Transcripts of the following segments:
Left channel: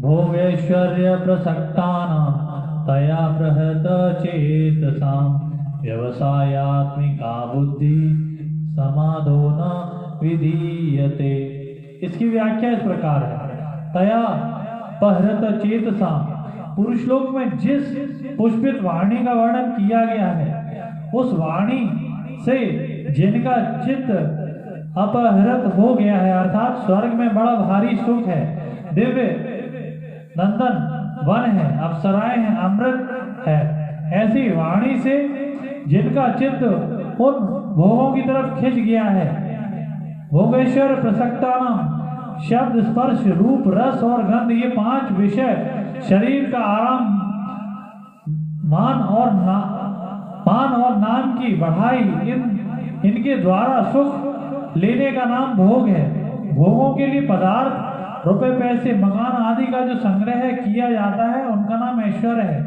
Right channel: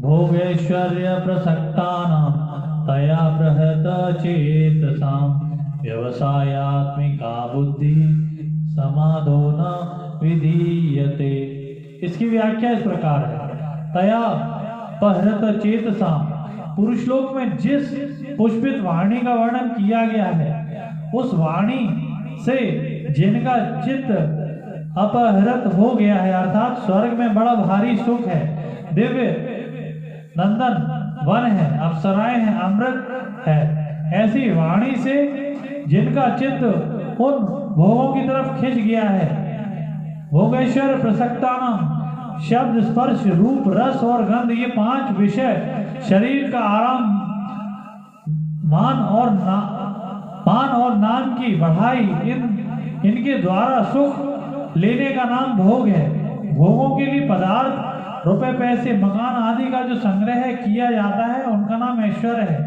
भोगैश्वर्य प्रसक्तानां तया बृहत चेतसां व्यवसायात्मिका बुद्धि समाधो न विधीयते। इसकी व्याख्या इस प्रकार है। तया बृहत चेतसां, पुरुष लोक में जिस पुष्पित वाणी का वर्णन किया गया है, उस वाणी से जिनका चित्त अपहृत हो गया है, अर्थात स्वर्ग में बड़ा भारी सुख है, दिव्य नंदन वन है, अप्सराएं हैं, अमृत है, ऐसी वाणी से जिनका चित्त उन भोगों की तरफ खिंच गया है। भोगेश्वर प्रसक्तानां, शब्द स्पर्श रूप रस और गंध, ये 5 विषय शरीर का आराम, मान और नाम की बढ़ाई, इनके द्वारा सुख लेने का नाम भोग है। भोगों के लिए पदार्थ, रुपए पैसे, मकान आदि का जो संग्रह किया जाता है, उनका नाम ऐश्वर्य है।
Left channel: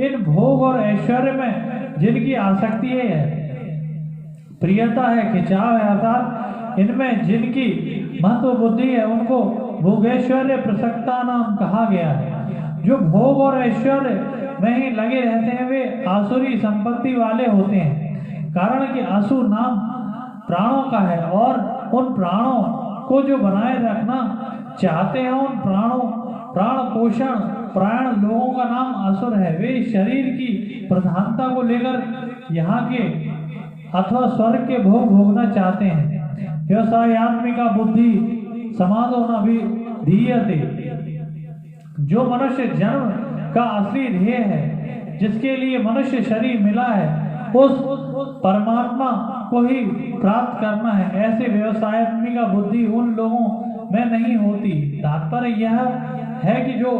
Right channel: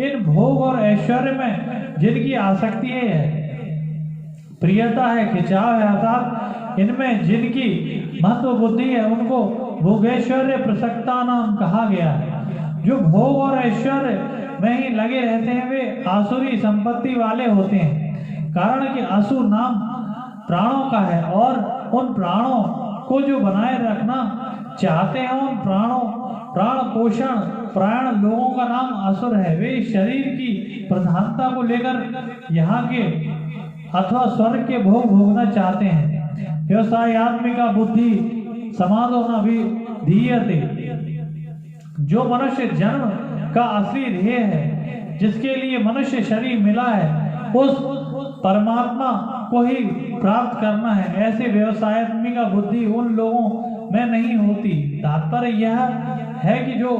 इन भोग और ऐश्वर्य में जिनकी आसक्ति है, प्रियता है, खिंचाव है, अर्थात इनमें जिनकी महत्व बुद्धि है, उनको भोगेश्वर्य प्रसक्ता नाम कहा गया है। जो भोग और ऐश्वर्य में ही लगे रहते हैं, वे आसुरी संपत्ति वाले होते हैं। कारण कि असुर नाम प्राणों का है, और उन प्राणों को जो बनाए रखना चाहते हैं, उन प्राण पोषण प्राण लोगों का नाम असुर है। वे शरीर की प्रधानता को लेकर यहाँ के अथवा स्वर्ग के भोग भोगना चाहते हैं। व्यवसायात्मिका बुद्धि समाधो न विधीयते, जो मनुष्य जन्म का असली ध्येय है, जिसके लिए मनुष्य शरीर मिला है, उस परमात्मा को ही प्राप्त करना है, ऐसे व्यवसायात्मिका बुद्धि उन लोगों में नहीं होती। तात्पर्य यह है कि जो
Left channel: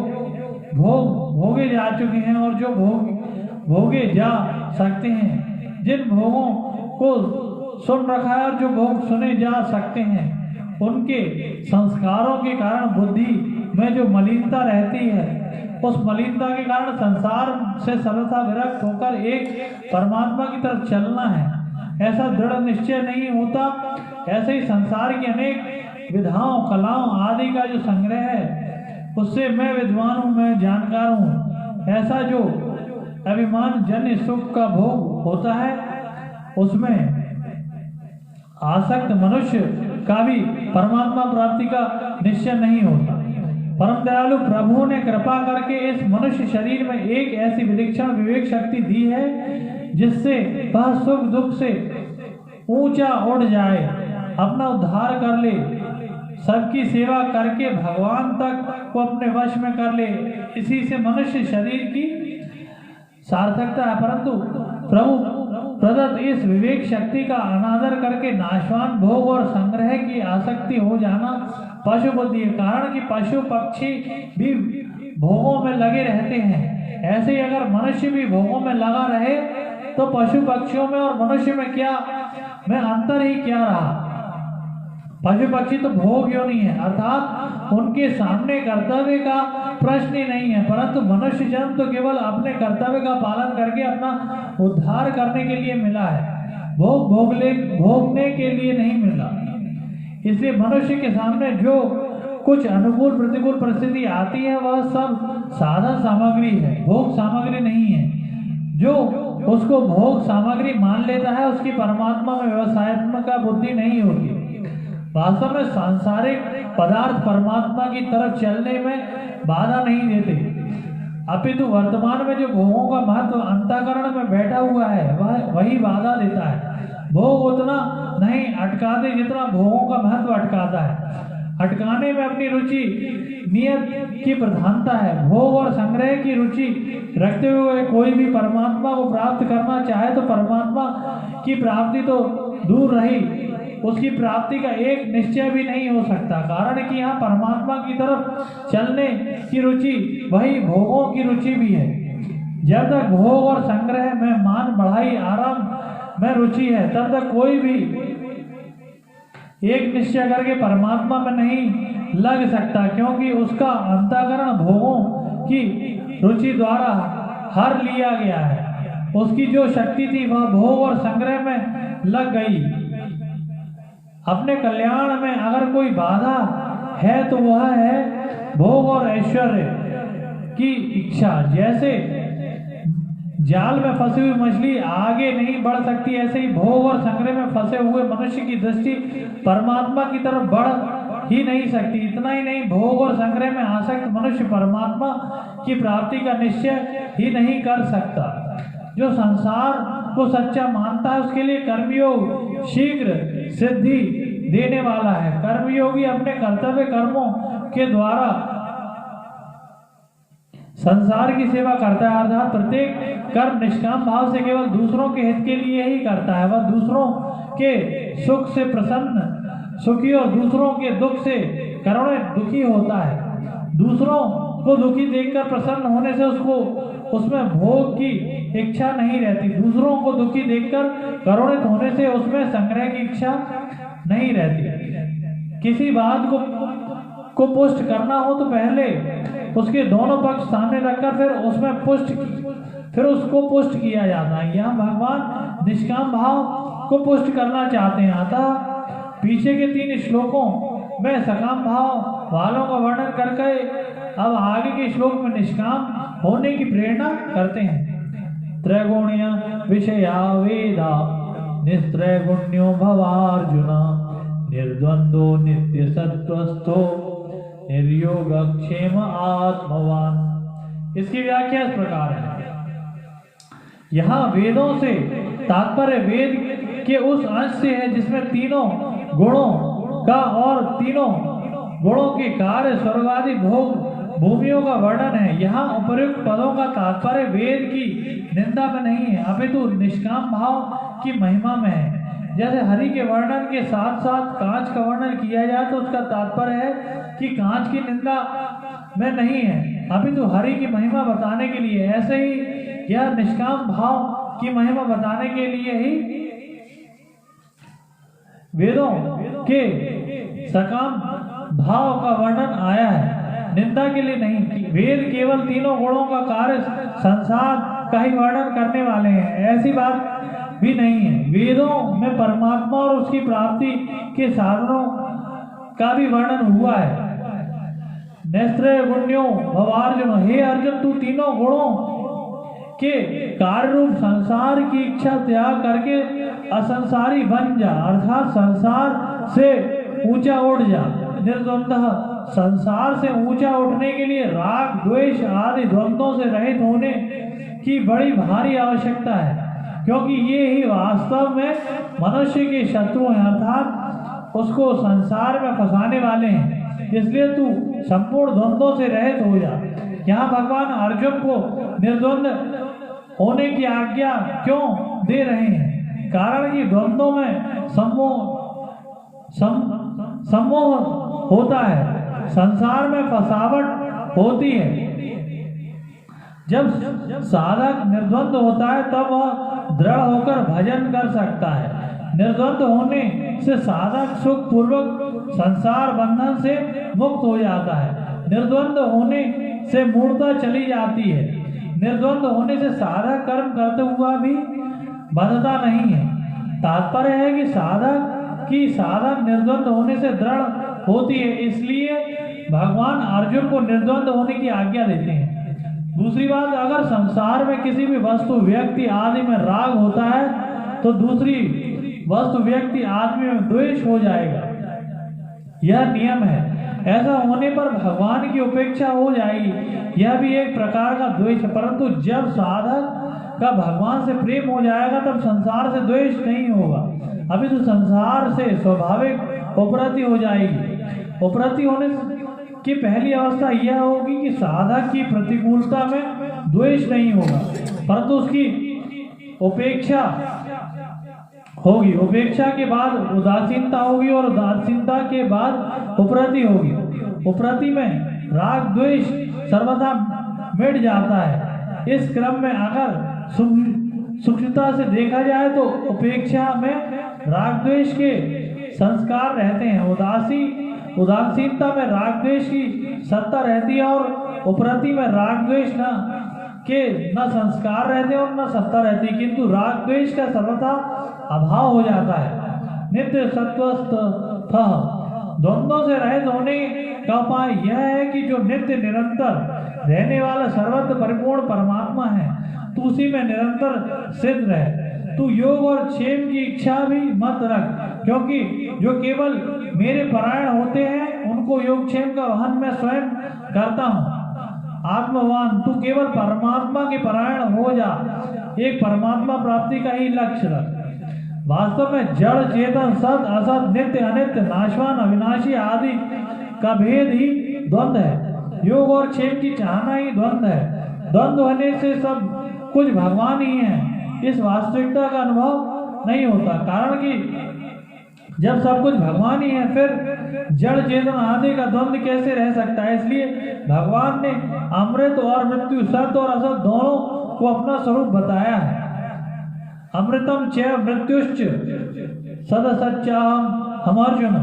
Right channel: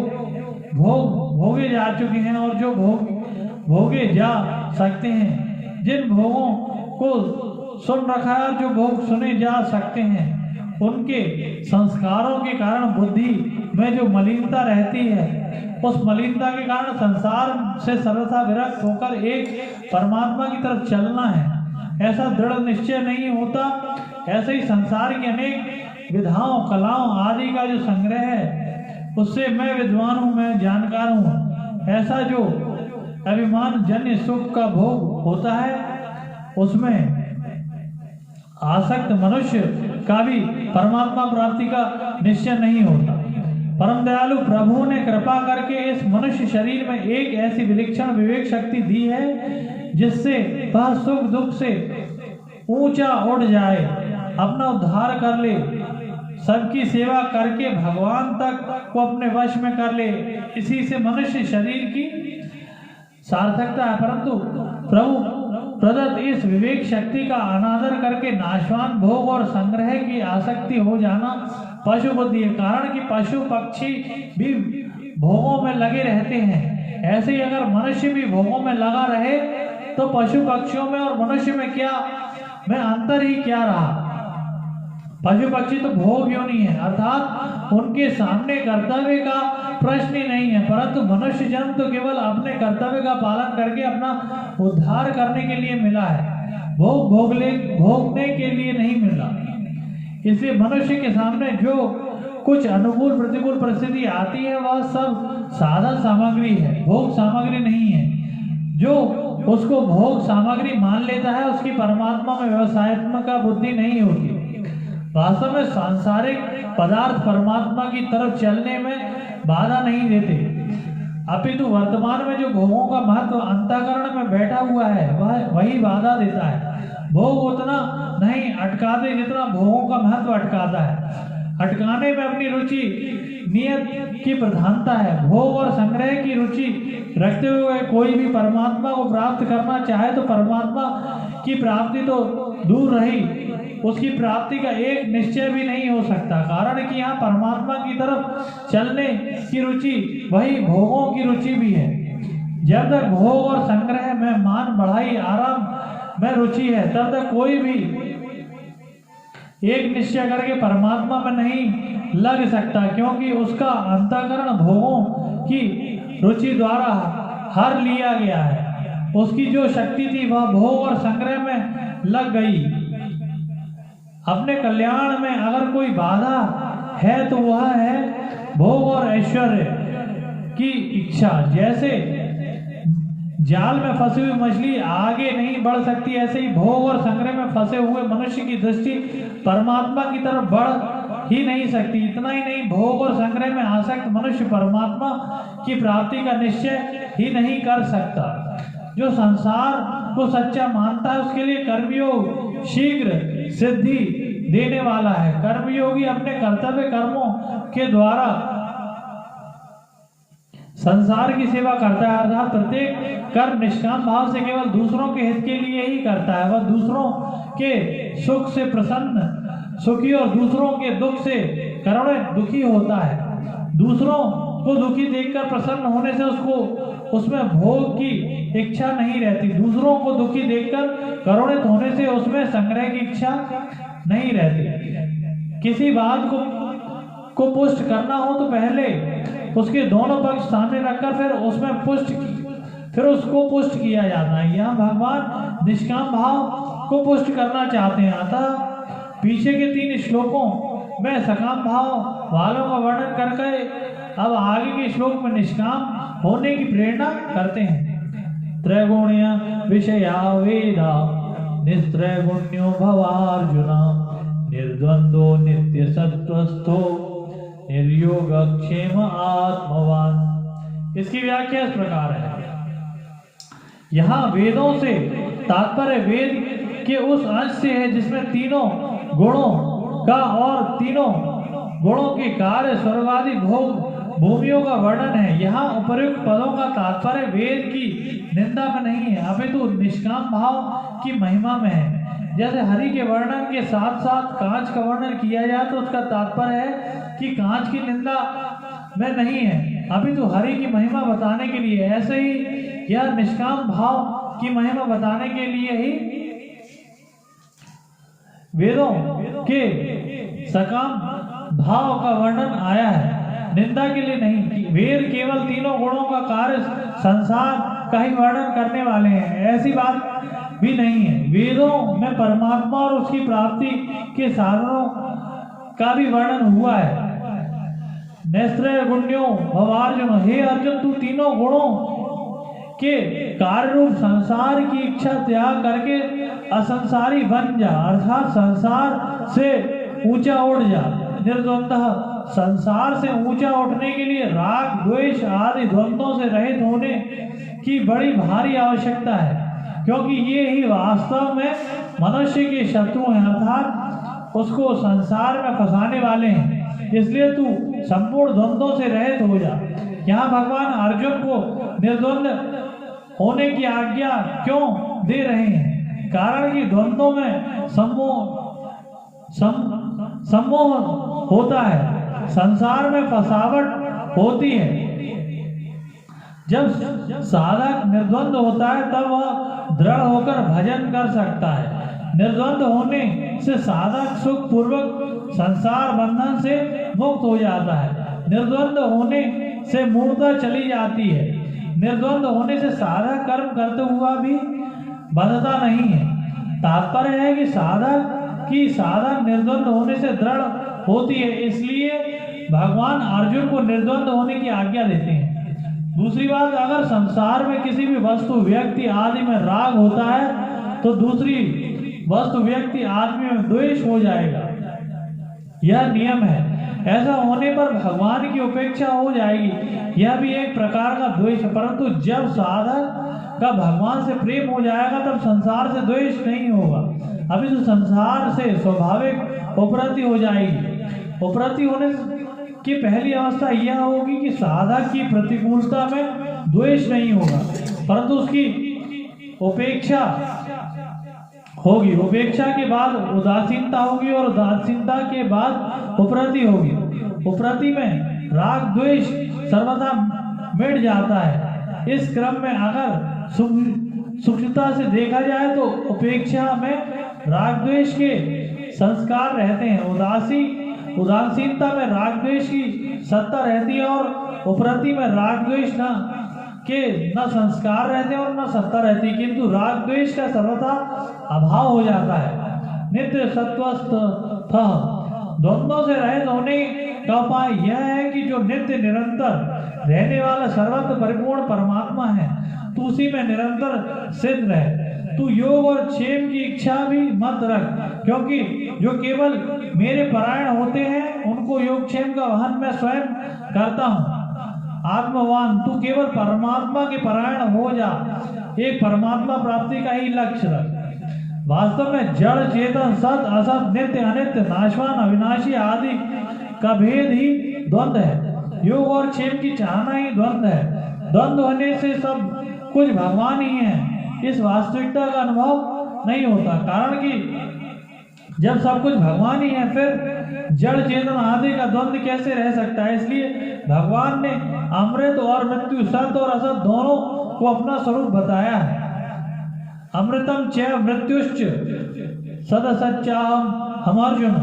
भोगे जा चुके हैं और जो भोगे जा सकते हैं, जिन भोगों को सुन रखा है और जो भोग सुने जा सकते हैं, उनके संस्कारों के कारण बुद्धि में जो मलिनता रहती है, उस मलिनता के कारण संसार से सर्वथा विरक्त होकर एक परमात्मा की तरफ चलना है, ऐसा दृढ़ निश्चय नहीं होता। ऐसे ही संसार की अनेक विधाओं, कलाओं आदि का जो संग्रह है, उससे मैं विद्वान हूँ, मैं जानकार हूँ, ऐसा जो अभिमान जन्य सुख का भोग होता है, उसमें आसक्त मनुष्य का भी परमात्मा प्राप्ति का निश्चय नहीं होता। परम दयालु प्रभु ने कृपा करके इस मनुष्य शरीर में एक ऐसी विलक्षण विवेक शक्ति दी है, जिससे वह सुख दुख से ऊंचा उड़ जाए, अपना उद्धार कर ले, सबकी सेवा करके भगवान तक को अपने वश में कर ले। इसी से मनुष्य शरीर की सार्थकता है। परंतु प्रभु प्रदत्त इस विवेक शक्ति का अनादर करके नाशवान भोग और संग्रह की आसक्ति हो जाना पशु बुद्धि है। कारण कि पशु पक्षी भी भोगों में लगे रहते हैं, ऐसे ही अगर मनुष्य भी भोगों में लगा रहे, तो पशु पक्षियों में और मनुष्य में अंतर ही क्या रहा। पशु पक्षी तो भोग योनि है, अर्थात उनके सामने कर्तव्य का प्रश्न ही नहीं है, परंतु मनुष्य जन्म तो केवल अपने कर्तव्य का पालन करके अपना उद्धार करने के लिए मिला है, भोगने के लिए नहीं मिला। इसलिए मनुष्य के सामने जो कुछ अनुकूल प्रतिकूल परिस्थिति आती है, वह सब साधन सामग्री है, भोग सामग्री नहीं है। जो उसको भोग सामग्री मान लेता है, उसकी परमात्मा में व्यवसायत्मक बुद्धि नहीं होती। वास्तव में सांसारिक पदार्थ परमात्मा की तरफ चलने में बाधा नहीं देते, अपितु वर्तमान में जो भोगों का महत्व अंतःकरण में बैठा हुआ है, वही बाधा देता है। भोग उतना नहीं अटकाते जितना भोगों का महत्व अटकाता है। अटकाने में अपनी रुचि नियत की प्रधानता है। भोग और संग्रह की रुचि रखते हुए कोई भी परमात्मा को प्राप्त करना चाहे, तो परमात्मा की प्राप्ति तो दूर रही, उसकी प्राप्ति का एक निश्चय भी नहीं हो सकता। कारण कि यहाँ परमात्मा की तरफ चलने की रुचि वही भोगों की रुचि भी है। जब तक भोग और संग्रह में मान बढ़ाई आराम में रुचि है, तब तक कोई भी एक निश्चय करके परमात्मा में नहीं लग सकता, क्योंकि उसका अंतःकरण भोगों की रुचि द्वारा हर लिया गया है। उसकी जो शक्ति थी वह भोग और संग्रह में लग गई। अपने कल्याण में अगर कोई बाधा है तो वह है भोग और ऐश्वर्य की इच्छा। जैसे जाल में फंसी हुई मछली आगे नहीं बढ़ सकती, ऐसे ही भोग और संग्रह में फंसे हुए मनुष्य की दृष्टि परमात्मा की तरफ बढ़ ही नहीं सकती। इतना ही नहीं, भोग और संग्रह में आसक्त मनुष्य परमात्मा की प्राप्ति का निश्चय ही नहीं कर सकता। जो संसार को सच्चा मानता है उसके लिए कर्मयोग शीघ्र सिद्धि देने वाला है। कर्मयोगी अपने कर्तव्य कर्मों के द्वारा संसार की सेवा करता है, अर्थात प्रत्येक कर्म निष्काम भाव से केवल दूसरों के हित के लिए ही करता है। वह दूसरों के सुख से प्रसन्न सुखी और दूसरों के दुख से करुणित दुखी होता है। दूसरों को दुखी देखकर प्रसन्न होने से उसको उसमें भोग की इच्छा नहीं रहती। दूसरों को दुखी देखकर करुणित होने से उसमें संग्रह की इच्छा नहीं रहती। किसी बात को पुष्ट करना हो तो पहले उसके दोनों पक्ष सामने रखकर फिर उसको पुष्ट किया जाता है। यहाँ भगवान निष्काम भाव को पुष्ट करना चाहते हैं। अतः पीछे के 3 श्लोकों में सकाम भाव वालों का वर्णन करके अब आगे के श्लोक में निष्काम होने की प्रेरणा करते हैं। त्रैगुण्य विषया वेदा निस्त्रैगुण्यो भवार्जुन निर्द्वंद्वो नित्य सत्वस्थो निर्योगक्षेम आत्मवान। इसकी व्याख्या इस प्रकार है। यहाँ वेदों से तात्पर्य वेद के उस अंश से है जिसमें तीनों गुणों का और तीनों गुणों के कार्य स्वर्गादि भोग भूमियों का वर्णन है। यहाँ उपयुक्त पदों का तात्पर्य वेद की निंदा में नहीं है, अपितु निष्काम भाव की महिमा में है। जैसे हरि के वर्णन के साथ साथ कांच का वर्णन किया जाए तो उसका तात्पर्य है कि कांच की निंदा में नहीं है, अपितु हरि की महिमा बताने के लिए। ऐसे ही यह निष्काम भाव की महिमा बताने के लिए ही वेदों के सकाम भाव का वर्णन आया है, निंदा के लिए नहीं। वेद केवल तीनों गुणों का कार्य संसार का ही वर्णन करने वाले हैं, ऐसी बात भी नहीं है। वेदों में परमात्मा और उसकी प्राप्ति के साधनों का भी वर्णन हुआ है। नैस्त्रैगुण्यो भवार्जुन, हे अर्जुन तू तीनों गुणों के कार्य रूप संसार की इच्छा त्याग करके असंसारी बन जा, अर्थात संसार से ऊंचा उठ जा। निर्द्वंद्व, संसार से ऊंचा उठने के लिए राग द्वेष आदि द्वंद्वों से रहित होने की बड़ी भारी आवश्यकता है, क्योंकि ये ही वास्तव में मनुष्य के शत्रु हैं, अर्थात उसको संसार में फंसाने वाले हैं। इसलिए तू संपूर्ण द्वंद्वों से रहित हो जा। यहाँ भगवान अर्जुन को निर्द्वंद होने की आज्ञा क्यों दे रहे हैं? कारण कि द्वंद्वों में सम्मोह होता है, संसार में फसावट होती है। जब साधक निर्द्वंद होता है तब वह दृढ़ होकर भजन कर सकता है। निर्द्वंद होने से साधक सुख पूर्वक संसार बंधन से मुक्त हो जाता है। निर्द्वंद होने से मूर्ता चली जाती है। निर्द्वंद होने से साधक कर्म करते हुआ भी बंधता नहीं है। तात्पर्य है कि साधक निर्द्वंद होने से दृढ़ होती है, इसलिए भगवान अर्जुन को निर्द्वंद होने की आज्ञा देते हैं। दूसरी बात, अगर संसार में किसी भी वस्तु व्यक्ति आदि में राग होता है तो दूसरी वस्तु व्यक्ति आदमी में द्वेष हो जाएगा, यह नियम है। ऐसा होने पर भगवान की उपेक्षा हो जाएगी, यह भी एक प्रकार का द्वेष है। परंतु जब साधक का भगवान से प्रेम हो जाएगा तब संसार से द्वेष नहीं होगा, अभी तो संसार से स्वाभाविक उपरति हो जाएगी। उपरति होने की पहली अवस्था यह होगी कि साधक की प्रतिकूलता में द्वेष नहीं होगा, परंतु उसकी उपेक्षा होगी। उपेक्षा के बाद उदासीनता होगी और उदासीनता के बाद उपरति होगी। उपरति में राग द्वेष सर्वथा मिट जाता है। इस क्रम में अगर सूक्ष्मता से देखा जाए तो उपेक्षा में राग द्वेष के संस्कार रहते हैं, उदासीनता में राग द्वेष की सत्ता रहती है और उपरति में राग द्वेष न संस्कार रहते और न सत्ता रहती, किंतु राग द्वेष का सर्वथा अभाव हो जाता है। नित्य सत्वस्थ द्वंद्वों से रहित होने का उपाय यह है कि जो नित्य निरंतर रहने वाला सर्वत्र परिपूर्ण परमात्मा है, तू उसी में निरंतर सिद्ध रहे। तू योग और क्षेम की इच्छा भी मत रख, क्योंकि जो केवल मेरे परायण होते हैं उनको योग क्षेम का वहन मैं स्वयं करता हूँ। आत्मवान, तू केवल परमात्मा के परायण हो जा। एक परमात्मा प्राप्ति का ही लक्ष्य रख। वास्तव में जड़ चेतन, सत असत, नित्य अनित्य, नाशवान अविनाशी आदि का भेद ही द्वंद्व है। योग और क्षेम की चाहना ही द्वंद्व है। द्वंद्व होने से सब कुछ भगवान ही है, इस वास्तविकता का अनुभव नहीं होता। कारण कि जब सब कुछ भगवान ही है, फिर जड़ चेतन आदि का द्वंद्व कैसे रह सकता है। इसलिए भगवान ने अमृत और मृत्यु, सत और असत दोनों को अपना स्वरूप बताया है। अमृतम च मृत्युश्च सदसच्चाम हम अर्जुन।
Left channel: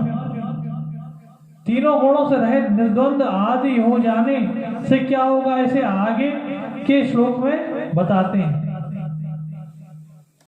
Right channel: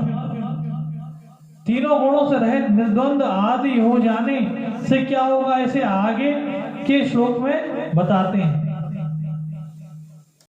तीनों गुणों से रहित निर्द्वंद आदि हो जाने से क्या होगा, इसे आगे के श्लोक में बताते हैं।